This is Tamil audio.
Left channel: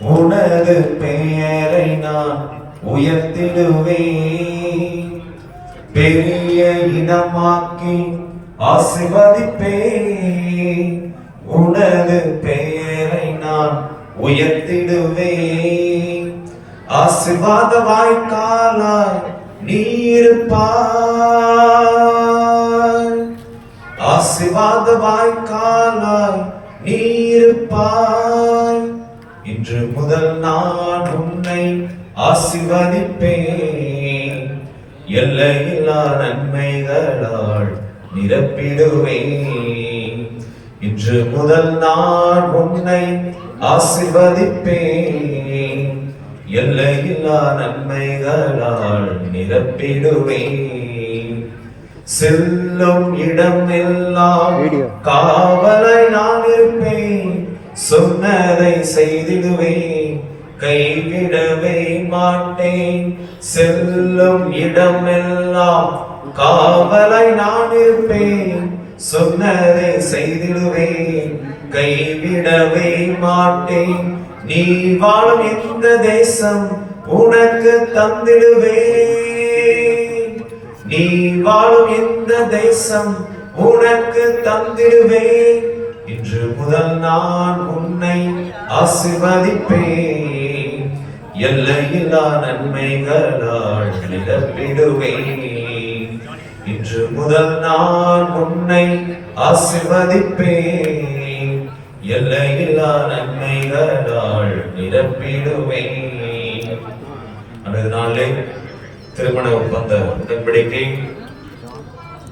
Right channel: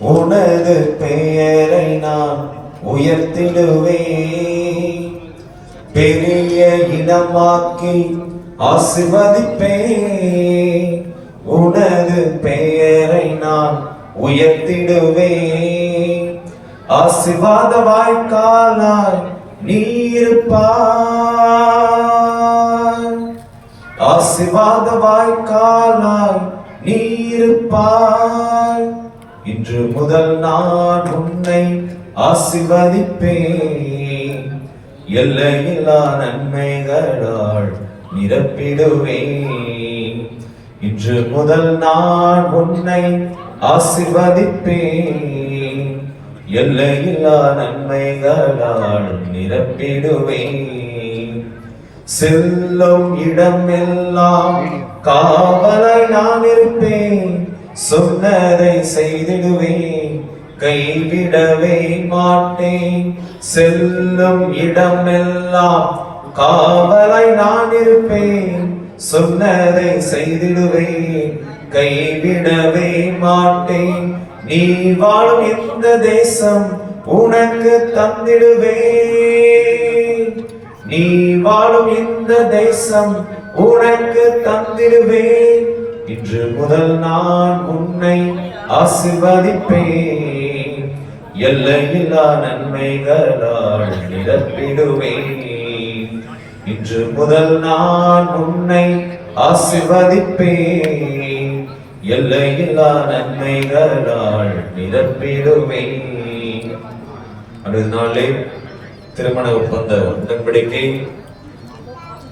உனது பெயரை நான் உயர்த்திடுவேன். பெரிய இனமாக்கி ஆசிர்வதிப்பேன். உனது பெயரை நான் உயர்த்திடுவேன். ஆசிர்வாத வாய்க்காலாய் நீருப்பாய் ஆசிர்வாத வாய்க்காலாய் நீ இன்று முதல் நான் உன்னை ஆசிர்வதிப்பேன். எல்லையில்லா நன்மைகளால் நிரப்பிடுவேன். இன்று முதல் நான் உன்னை ஆசிர்வதிப்பேன். எல்லையில்லா நன்மைகளால் நிரப்பிடுவேன். செல்லும் இடமெல்லாம் காவலை சொன்னதை செய்திடுவேன் கைவிடவே மாட்டேன். செல்லும் இடம் எல்லாம் காவலை நான் இருப்பேன். சொன்னதை செய்திடுவேன் கைவிடவே மாட்டேன். நீ வாழும் இந்த தேசம் உனக்கு தந்திடுவேன். நீ வாழும் இந்த தேசம் உனக்கு தந்திடுவேன். இன்று முதல் நான் உன்னை ஆசிர்வதிப்பேன். எல்லையில்லா நன்மைகளால் நிரப்பிடுவேன். இன்று முதல் நான் உன்னை ஆசிர்வதிப்பேன். எல்லையில்லா நன்மைகளால் நிரப்பிடுவேன். அடுத்த நாளே திருமண ஒப்பந்த உடன்படிக்கை